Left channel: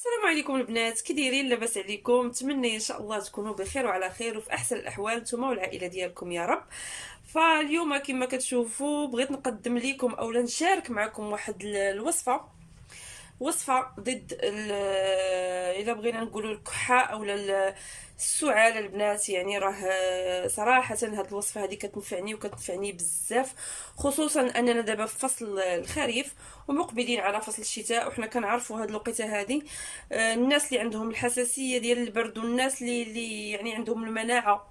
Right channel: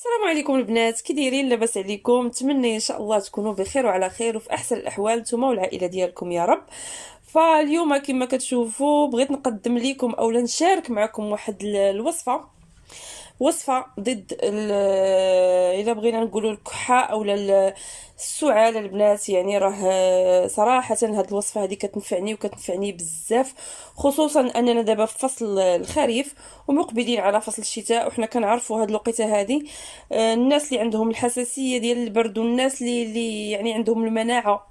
السلام عليكم البنات، كي دايرين؟ لاباس عليكم؟ نتمنى ان شاء الله تكونوا بخير وعلى خير وفي احسن الاحوال نتوما والعائله ديالكم يا رب. فاليوم كما كتشوفوا بغيت نقدم لكم اولا نشارك معكم واحد الوصفه، وصفه ضد الا بغينا نقولوا الكحه اولا السعال البنات. يعني راه صراحه هاد الوصفه هذه كتنفعني وكتنفعني بزاف، خصوصا اننا دابا في فصل الخريف ومقبلين على فصل الشتاء، وحنا كنعرفوا هاد الوقيته هذه الناس اللي عندهم الحساسيه ديال البرد والناس اللي يعني عندهم المناعه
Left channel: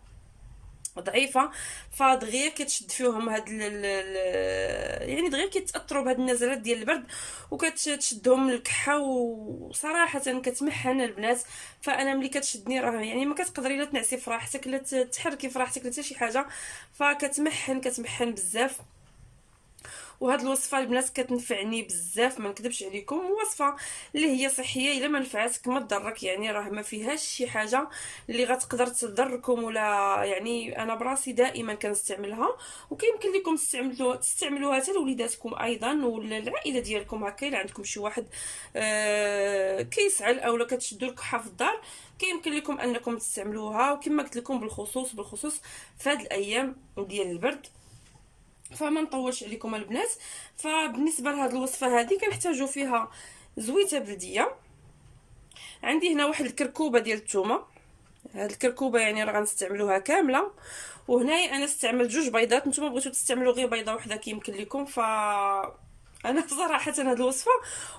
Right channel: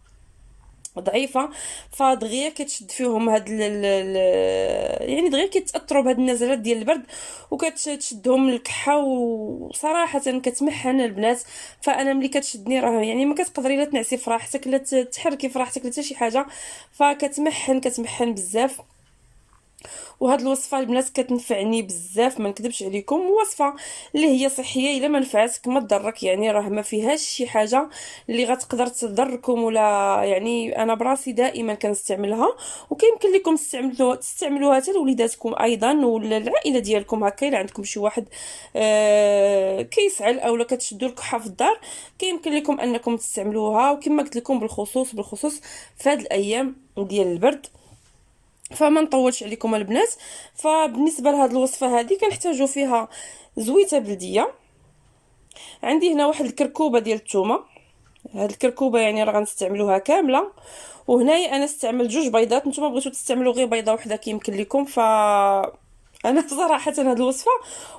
ضعيفه، فدغيا كتشد فيهم يعني دغيا كيتاثروا بهاد النزلات ديال البرد وكتشدهم الكحه، وصراحه كتمحن البنات. فانا ملي كتشدني راه يعني ما كتقدري لا تنعسي في راحتك لا تحركي في راحتك لا حتى شي حاجه، كتمحن بزاف. وهاد الوصفه البنات كتنفعني بزاف، ما نكذبش عليكم، وصفه اللي هي صحيه، الا ما نفعتك ما تضرك، يعني راه ما فيهاش شي حاجه اللي غتقدر تضركم ولا. يعني انا براسي دائما كنستعملها، وكيمكن لكم تستعملوها حتى لوليداتكم ايضا ولا العائله ديالكم. هكا الا عندكم شي واحد كيسعل اولا كتشدوا الكحه في الدار، كيمكن لكم انكم تستعملوها. وكما قلت لكم بالخصوص في هاد الايام ديال البرد. فما نطولش عليكم البنات. فبالنسبه لهاد الوصفه هذه كنحتاجوا فيها زويته بلديه. عندي هنا واحد الكركوبه ديال الثومه، هاد الكركوبه يعني راه غنستعملوها كامله. وهنايا انا استعملت جوج بيضات، نتوما بغيتو تستعملوا غير بيضه واحده كيمكن لكم. انا صراحه هاد الوصفه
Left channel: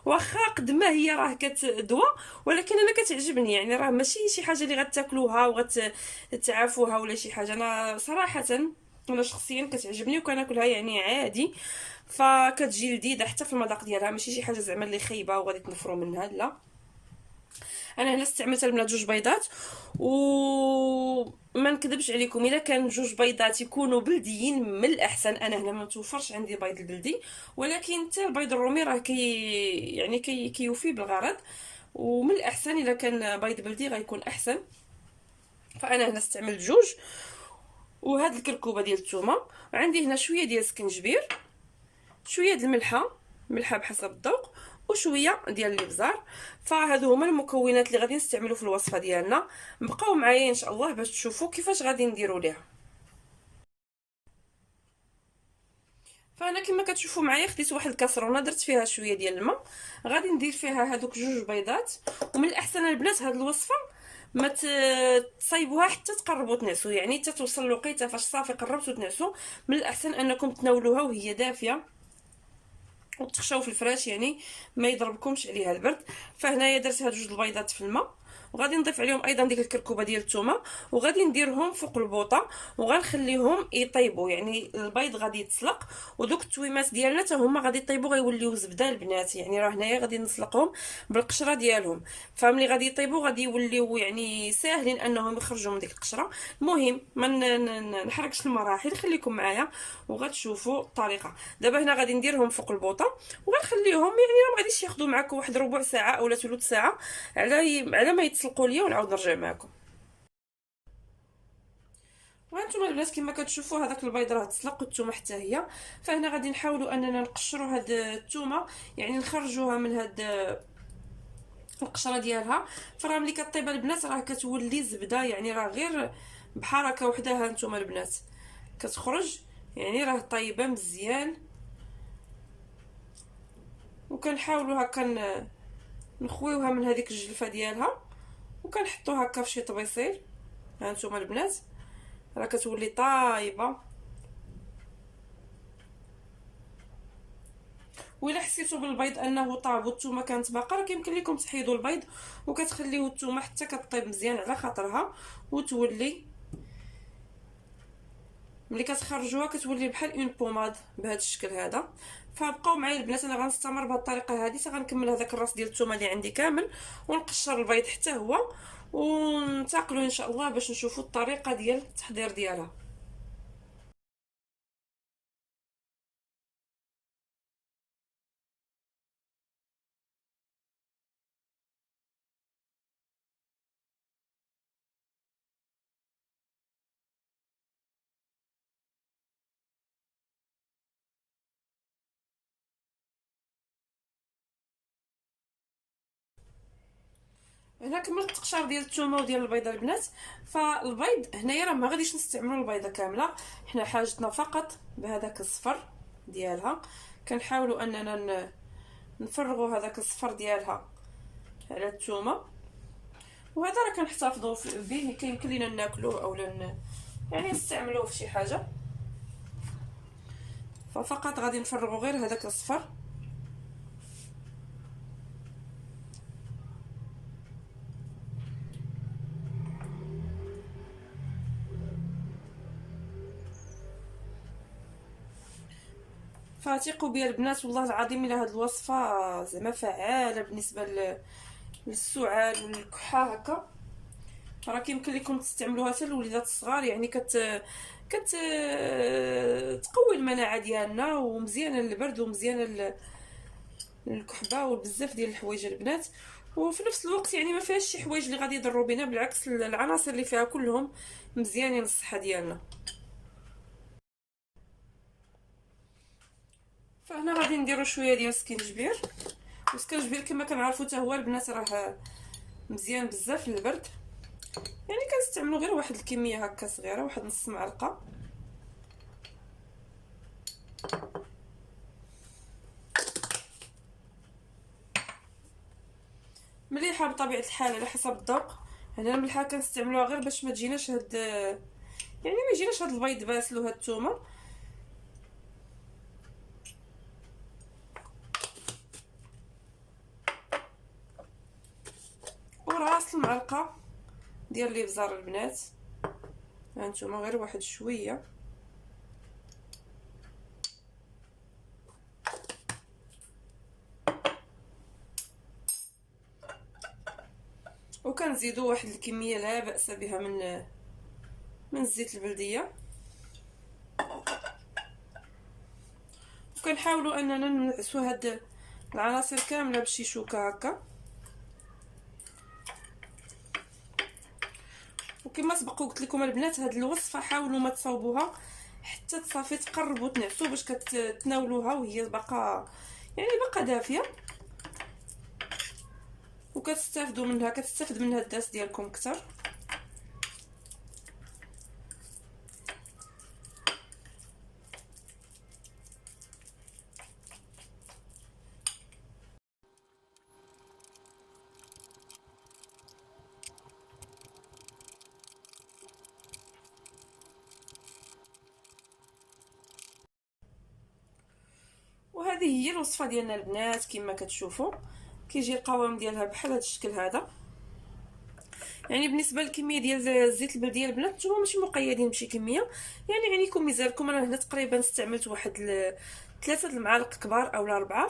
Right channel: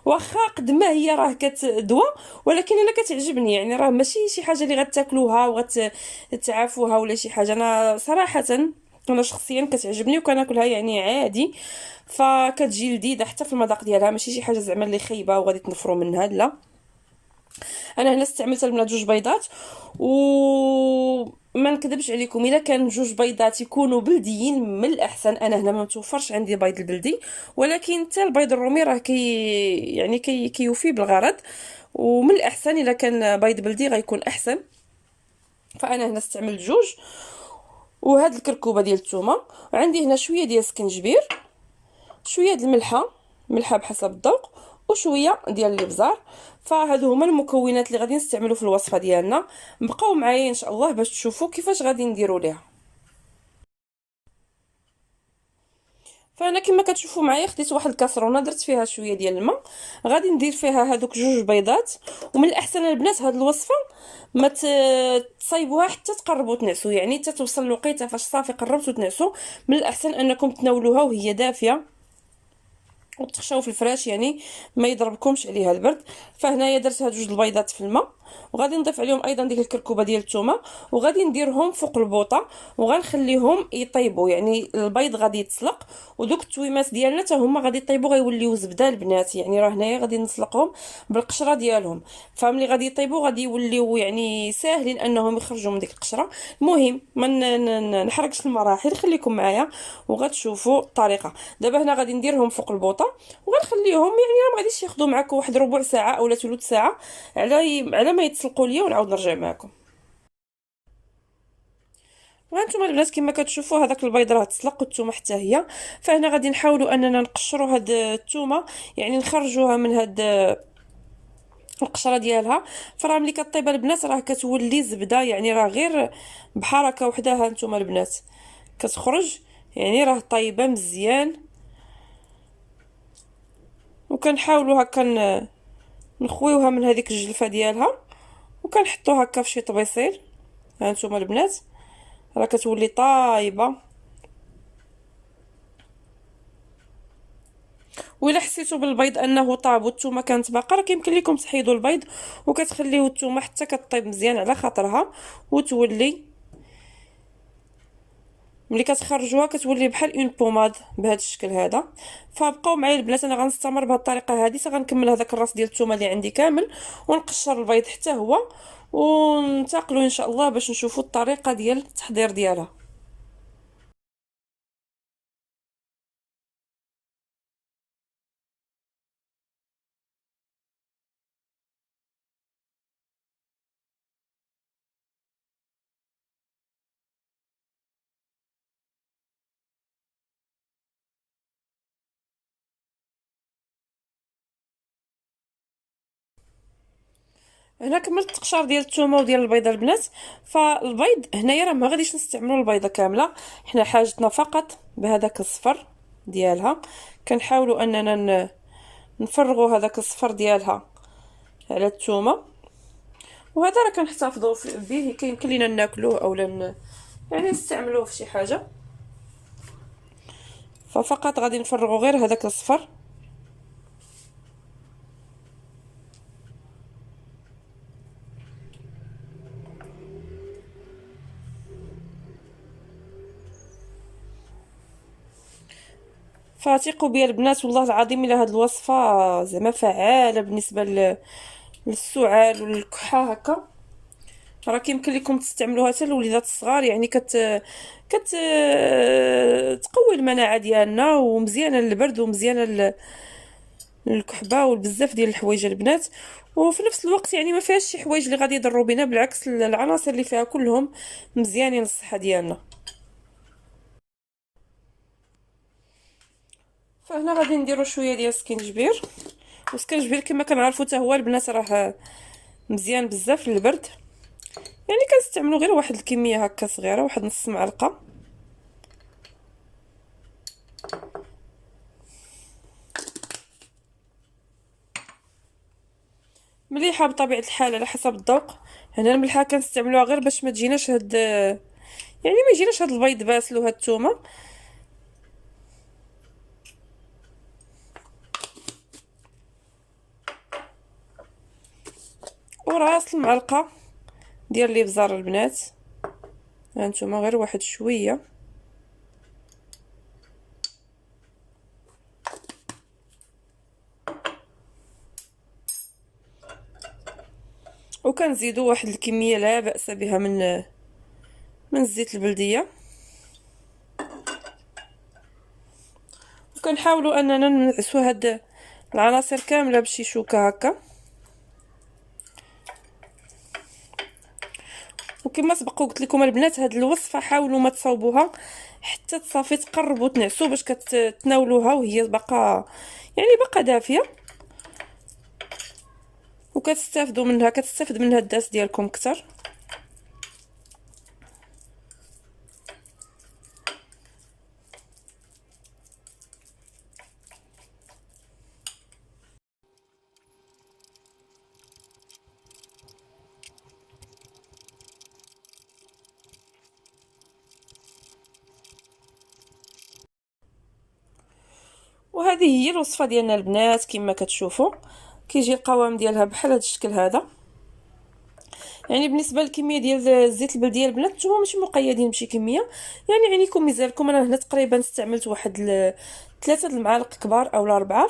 واخا قد ما هي راه كتدوى، ولكن انا كتعجبني، يعني راه ماشي شي حاجه اللي غتاكلوها وغتعافوها ولا شي حاجه. انا صراحه انا شخصيا كتعجبني وكناكلها يعني عادي، فكتجي لذيذه حتى في المذاق ديالها، ماشي شي حاجه زعما اللي خايبه وغادي تنفروا منها، لا. انا هنا استعملت البنات جوج بيضات، وما نكذبش عليكم الا كان جوج بيضات يكونوا بلديين من الاحسن. انا هنا ما متوفرش عندي البيض البلدي، ولكن حتى البيض الرومي راه يعني كيوفي بالغرض، ومن الاحسن الا كان بيض بلدي غيكون احسن. فانا هنا استعملت جوج. وهاد الكركوبه ديال الثومه، وعندي هنا شويه ديال السكنجبير، شويه د الملحه، ملحه بحسب الذوق، وشويه ديال الابزار. فهادو هما المكونات اللي غادي نستعملو في الوصفه ديالنا. بقاو معايا ان شاء الله باش تشوفوا كيفاش غادي نديروا ليها. فانا كما كتشوفوا معايا خديت واحد الكاسرونه درت فيها شويه ديال الماء، غادي ندير فيها هذوك جوج بيضات. ومن الاحسن البنات هاد الوصفه ما تصايبوها حتى تقربوا تنعسوا، يعني حتى توصل الوقيته فاش صافي قربتوا تنعسوا، من الاحسن انكم تناولوها وهي دافيه وتخشاو في الفراش، يعني ما يضربكمش عليها البرد. فهنايا درت هاد جوج البيضات في الماء، وغادي نضيف عليهم ايضا ديك الكركوبه ديال الثومه، وغادي نديرهم فوق البوطه وغنخليهم يطيبوا. يعني البيض غادي يتسلق، ودوك التويمات ديالنا حتى هما غادي يطيبوا غيوليو زبده البنات. يعني راه هنايا غادي نسلقهم بالقشره ديالهم، فملي غادي يطيبوا غادي يوليو يعني ساهلين انهم يخرجوا من ديك القشره. المهم ما نحرقش المراحل، خليكم معايا وغتشوفوا الطريقه. دابا هنا غادي نديرهم فوق البوطه وغنخليهم، يعني ما غاديش ياخذوا معكم واحد ربع ساعه اولا ثلث ساعه على ما يتسلقوا ليا، ونعاود نرجع معكم. وهانتوما البنات كما كتشوفوا هذاك البيض راه تسلق والثومه حتى هي. فهنا غادي نحاولوا اننا نقشروا هاد الثومه، يعني نخرجوها من هاد القشره ديالها. فراه ملي كطيب البنات راه كتولي زبده، يعني راه غير بحركه وحده هانتوما البنات كتخرج، يعني راه طايبه مزيان. وكنحاولوا هكا نخويوها من هذيك الجلفه ديالها، وكنحطوها هكا في شي طبيصيل. هانتوما البنات راه كتولي طايبه. وإلا حسيتوا بالبيض انه طاب والثومه كانت باقا، راه كيمكن لكم تحيدوا البيض وكتخليو الثومه حتى كطيب مزيان على خاطرها، وتولي ملي كتخرجوها كتولي بحال اون بوماد بهذا الشكل هذا. فبقاو معايا البنات، انا غنستمر بهذه الطريقه هذه حتى غنكمل هذاك الراس ديال الثومه اللي عندي كامل، ونقشر البيض حتى هو، وننتقلوا ان شاء الله باش نشوفوا الطريقه ديال التحضير ديالها. هنا كملت التقشار ديال الثومه وديال البيضه البنات. فالبيض هنايا راه ما غاديش نستعملوا البيضه كامله، حنا حاجتنا فقط بهذاك الصفر ديالها. كنحاولوا اننا نفرغوا هذاك الصفر ديالها على الثومه، وهذا راه كنحتفظوا به، كيمكن لينا ناكلوه اولا يعني نستعملوه في شي حاجه. ففقط غادي نفرغوا غير هذاك الصفر. فثقوا بيا البنات والله العظيم الا هاد الوصفه زعما فعاله بالنسبه للسعال والكحه هكا. راه كيمكن لكم تستعملوها حتى الوليدات الصغار، يعني كت تقوي المناعه ديالنا، ومزيانه للبرد ومزيانه للكحبه وبزاف ديال الحوايج البنات. وفي نفس الوقت يعني ما فيهاش شي حوايج اللي غادي يضروا بنا، بالعكس العناصر اللي فيها كلهم مزيانين للصحه ديالنا. فهنا غادي نديرو شويه ديال السكينجبير. والسكينجبير كما كنعرفوا حتى هو البنات راه مزيان بزاف للبرد، يعني كنستعملوا غير واحد الكميه هكا صغيره، واحد نص معلقه. مليحه بطبيعه الحال على حسب الذوق. هنا الملحه كنستعملوها غير باش ما تجيناش هاد، يعني ما يجيناش هاد البيض باسل وهاد الثومه. وراس المعلقه ديال الابزار البنات، هانتوما غير واحد شويه. وكنزيدوا واحد الكميه لا باس بها من الزيت البلديه. وكنحاولوا اننا ننعسوا هاد العناصر كامله بشي شوكه هكا. وكما سبق قلت لكم البنات، هاد الوصفه حاولوا ما تصاوبوها حتى تصافي تقربوا تنعسوا باش كتناولوها وهي باقا يعني باقا دافيه، وكتستافدوا منها، كتستافد منها الداس ديالكم اكثر. وهذه هي الوصفه ديالنا البنات. كما كتشوفوا كيجي القوام ديالها بحال هذا الشكل هذا. يعني بالنسبه للكميه ديال الزيت البلديه البنات نتوما ماشي مقيدين بشي كميه، يعني عينيكم ميزالكم. انا هنا تقريبا استعملت واحد 3 المعالق كبار او 4.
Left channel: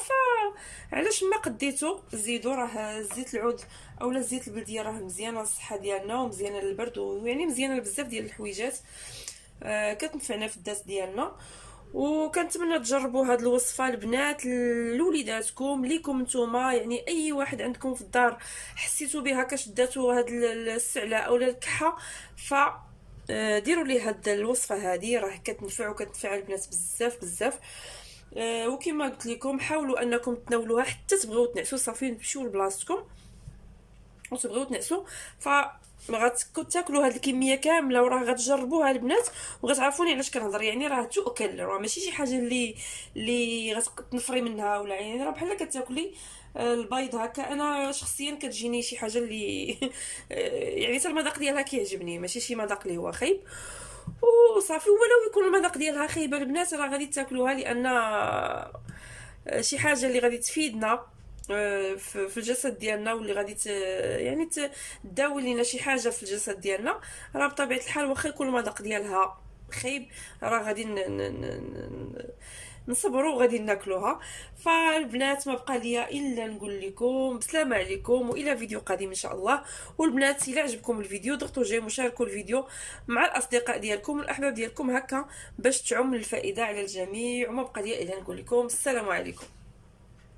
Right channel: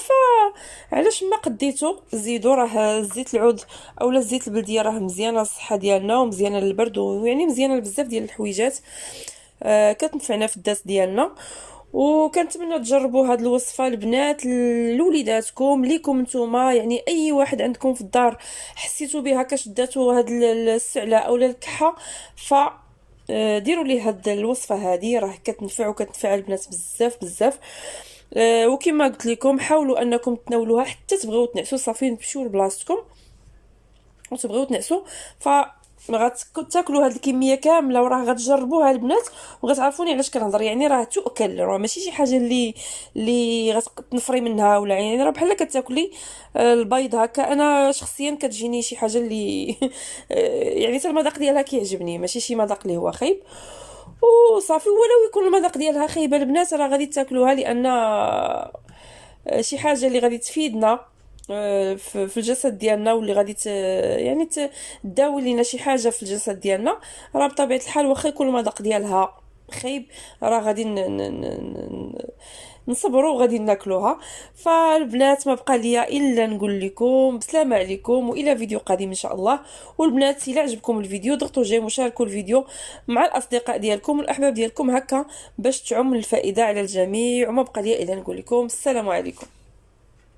فعلاش ما قديتو زيدوا، راه زيت العود اولا الزيت البلديه راه مزيانه للصحه ديالنا ومزيانه للبرد، ويعني مزيانه لبزاف ديال الحويجات كتنفعنا في الداس ديالنا. وكنتمنى تجربوا هذه الوصفه البنات لوليداتكم ليكم نتوما، يعني اي واحد عندكم في الدار حسيتوا بها كشداتو هاد السعله اولا الكحه، ف ديروا لي هاد الوصفه هذه، راه كتنفع وكتنفع البنات بزاف بزاف. وكما قلت لكم حاولوا انكم تناولوها حتى تبغيو تنعسوا، صافي تمشيو لبلاصتكم وتبغيو تنعسوا. ف غتاكلوا هاد الكميه كامله وراه غتجربوها البنات وغتعرفوني علاش كنهضر. يعني راه تؤكل، راه ماشي شي حاجه اللي غتنفري منها ولا، يعني راه بحال كتاكلي البيض هكا. انا شخصيا كتجيني شي حاجه اللي يعني حتى المذاق ديالها كيعجبني، ماشي شي مذاق اللي هو خايب وصافي. ولو يكون المذاق ديالها خايبه البنات راه غادي تاكلوها، لان شي حاجه اللي غادي تفيدنا في الجسد ديالنا، واللي غادي يعني تداوي لينا شي حاجه في الجسد ديالنا. راه بطبيعه الحال واخا يكون المذاق ديالها خايب راه غادي نصبروا وغادي ناكلوها. فالبنات ما بقى ليا الا نقول لكم بسلامه عليكم والى فيديو قادم ان شاء الله. والبنات الا عجبكم الفيديو ضغطوا جيم وشاركوا الفيديو مع الاصدقاء ديالكم والاحباب ديالكم هكا باش تعم الفائده على الجميع. وما بقى ليا الا نقول لكم السلام عليكم.